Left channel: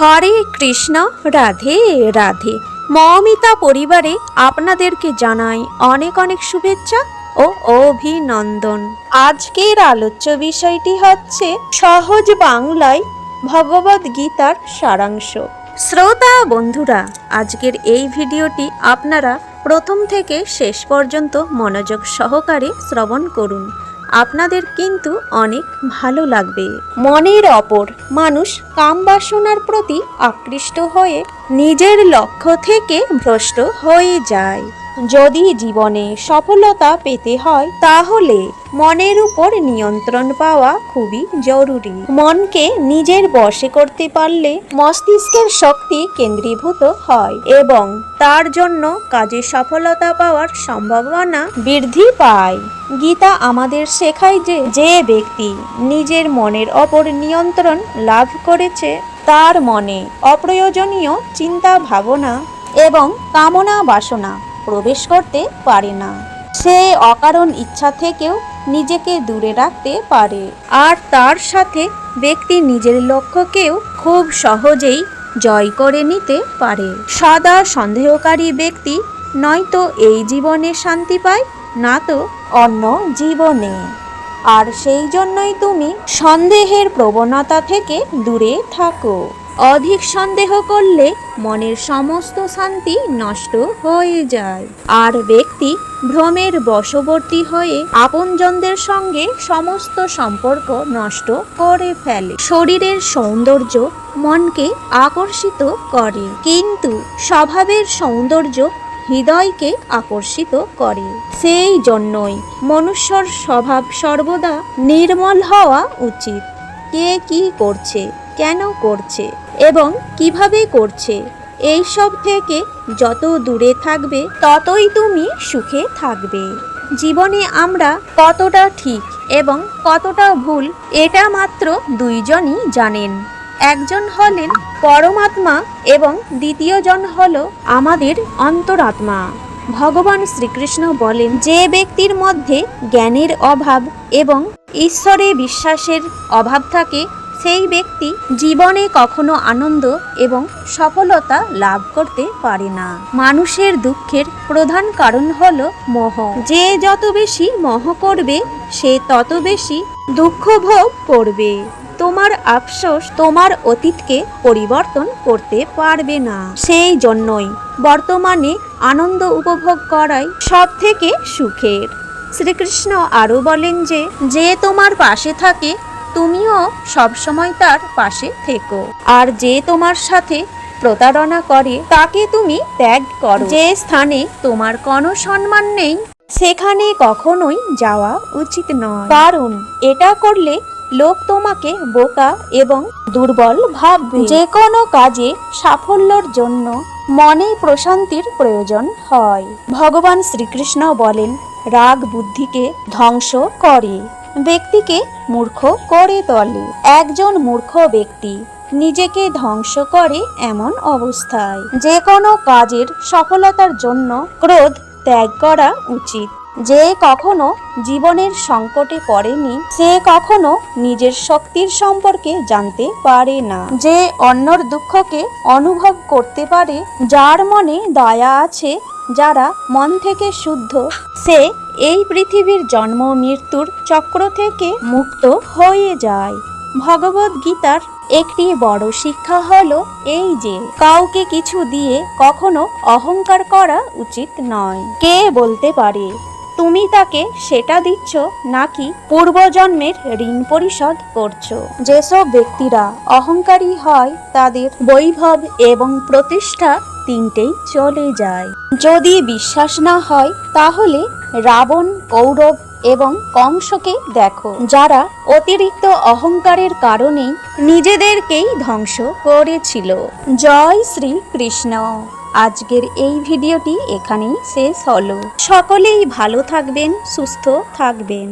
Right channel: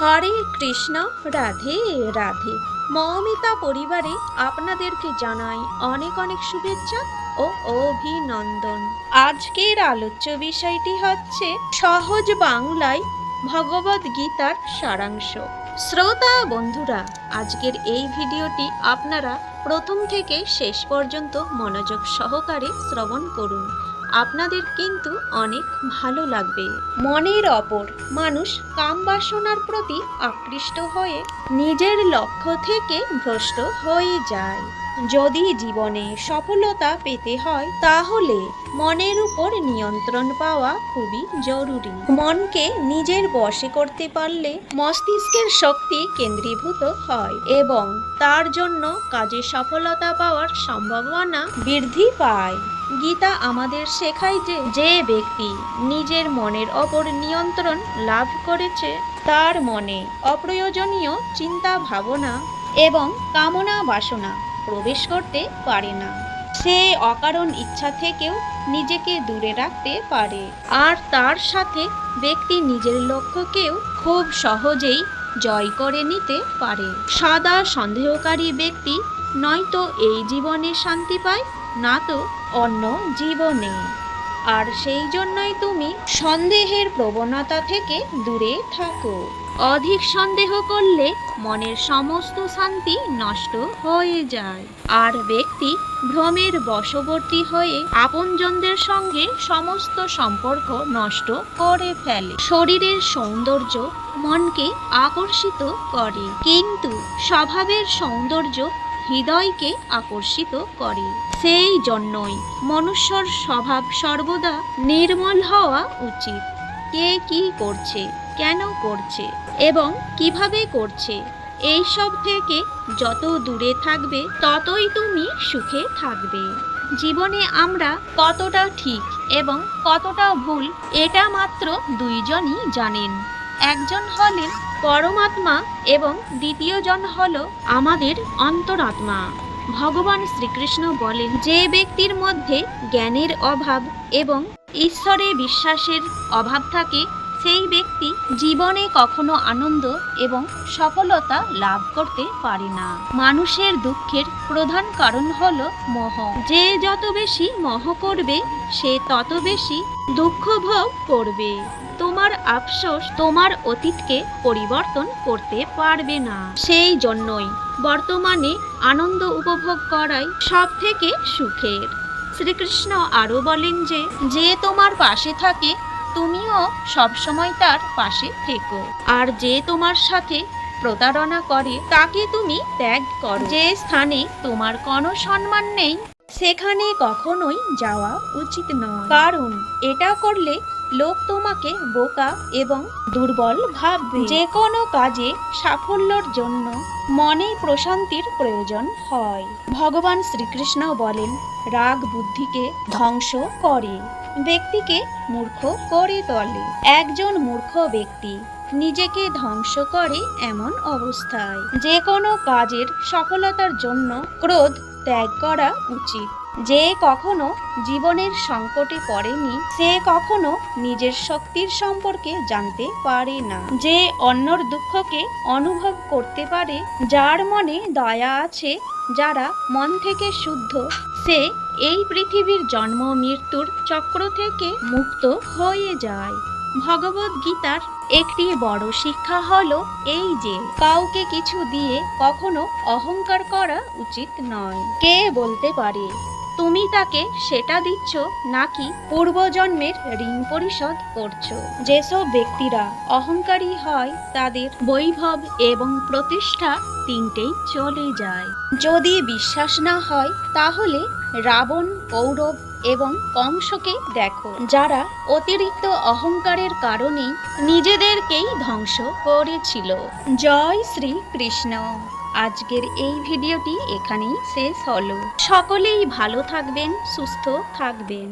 হরে কৃষ্ণ, রাধে রাধে। মৌমিতা পরিবারে আপনাদেরকে জানাই অনেক অনেক শুভেচ্ছা ও অভিনন্দন। আজকের আলোচ্য বিষয়টি হচ্ছে সহজ বাংলায় ভগবদ গীতার সারাংশ। শ্রোতা বন্ধুরা, আজকের এই ভিডিওটি আপনারা প্রথম থেকে শেষ পর্যন্ত মনোযোগ সহকারে শ্রবণ করুন। আপনাদের কিন্তু অনেক ভালো লাগবে। মনের অপর মানুষ কাম বাসনার প্রতি আকৃষ্ট হয়ে নিজের লক্ষ্য থেকে ভ্রষ্ট হয়ে যায়। যদি জীবনে সফলতা পেতে হয় তাহলে মনের উপর নিয়ন্ত্রণ পাওয়া খুবই জরুরি। মনকে নিজের বশে করতে পারলে মস্তিষ্কের শক্তি কেন্দ্রীভূত হয় এবং তার জন্য কাজে সফলতা পাওয়ার সম্ভাবনা বৃদ্ধি পায়। গীতা আমাদের শেখায় যে ব্যক্তি নিজের মনের ওপর নিয়ন্ত্রণ লাভ করেছে তার মনে অপ্রয়োজনীয় চিন্তা ভাবনা এবং কামনা বাসনা প্রবেশ করতে পারে না। সে অকারণ ইচ্ছা থেকেও নিজেকে দূরে রাখতে পারে, আর তার সাথে ব্যক্তি নিজের লক্ষ্যকেও খুব সহজেই জয় করে নিতে পারে। সদা সন্দেহকারী ব্যক্তি নয়তো এই জীবনে শান্তি পায়, না তো অন্য জীবনে। আর সেই জন্যই তুমি সন্দেহের প্রবণতা থেকে দূরে থাকো। অধিক সন্দেহ করলে মনের সমস্ত শান্তি নষ্ট হয়ে যায়, আর ব্যক্তি ভ্রমের বশবর্তী হয়ে আপনজনদের সঙ্গে সমস্ত সম্পর্ক নষ্ট করে ফেলে। শরীরের সৌন্দর্য মনকে আকর্ষিত করে, কিন্তু স্বভাবের সৌন্দর্য হৃদয়কে আকর্ষিত করে। সেই জন্যই মনুষ্যর স্বভাব সর্বদা নির্মল হওয়া উচিত। কে কি করছে, কেন করছে এবং কিভাবে করছে, এই সব থেকে যত দূরে থাকবে ততই তুমি সুখে থাকবে। জীবনে আমরা কতটা ঠিক এবং কতটা ভুল এটা মাত্র দুইজনই জানেন। একজন হলেন পরমাত্মা এবং দ্বিতীয়জন হল আমাদের অন্তরাত্মা। ভগবান শ্রীকৃষ্ণ বলেন, যে ব্যক্তির মধ্যে জ্ঞানের অভাব এবং ঈশ্বরে বিশ্বাসের অভাব থাকে সেই ব্যক্তি জীবনে কখনো আনন্দ এবং সফলতা লাভ করতে পারে না। মানুষের দুঃখের প্রধান কারণ হলো মোহ। যে যত বেশি মোহ করবে সে তত বেশি দুঃখ ভোগ করবে। তোমার আফসোস তোমার অতীতকে পরিবর্তন করতে পারবে না। সেই জন্যই বর্তমানে আনন্দ উপভোগ করাই সব থেকে সুখের। শ্রীকৃষ্ণ আরও বলেন যে তোমার পাশে থাকে তুমিও সবসময় তার পাশে থেকো, আর যে তোমার সাথে প্রতারণা করে তাকে তুমি ত্যাগ করো। যে স্থানে তোমার কোনো সম্মান নেই সেখানে কখনোই যাওয়া উচিত নয়, কারণ এটা করলে লোক তোমাকে বোকা এবং দুর্বল ভাববে। যে কোনো কাজে সাফল্যের জন্য মনে প্রশান্তির প্রয়োজন হয়। ভগবান শ্রীকৃষ্ণ বলেন, রাগ বুদ্ধিকে ধ্বংস করে, ব্যক্তিকে মূর্খ করে তোলে। একজন মূর্খ ব্যক্তি নিজেকে ধ্বংস করে এমন অবস্থায় যে কোনো কাজের সফলতার জন্য ক্রোধ ত্যাগ করা উচিত। যে কখনো জীবনের সংকটে পড়েনি সে কখনো নিজের শক্তির সম্পর্কে জানতে পারে না। যে অন্যর দুঃখকে অনুভব করতে পারে, যার মনে দয়া আছে, যারা মন থেকে শুদ্ধ, সে এই পৃথিবীর জন্ম মৃত্যুর চক্র থেকে মুক্ত হয়ে যায়। ভগবদ গীতার একটি বড় শিক্ষা হলো এই যে কাউকে কিছু দিয়ে কখনো অহংকার করা উচিত নয়। কে বলতে পারে তুমি তাকে সেটা দিচ্ছ নাকি পূর্বজন্মের ঋণ পরিশোধ করছো? যেসব ব্যক্তিরা অহংকারী হয় তাদের বৈভব এবং প্রতিষ্ঠা তিনটেই চলে যায়। যদি বিশ্বাস না হয় তাহলে রাবণ, কৌরব এবং কংসকে দেখো, যারা অতিরিক্ত অহংকারের কারণে নিজেদেরকেই ধ্বংস করেছিল। জয় শ্রী কৃষ্ণ। আজকের এই ভিডিওটি এখানেই শেষ হলো। সকলেই ভালো থাকবেন, সুস্থ থাকবেন।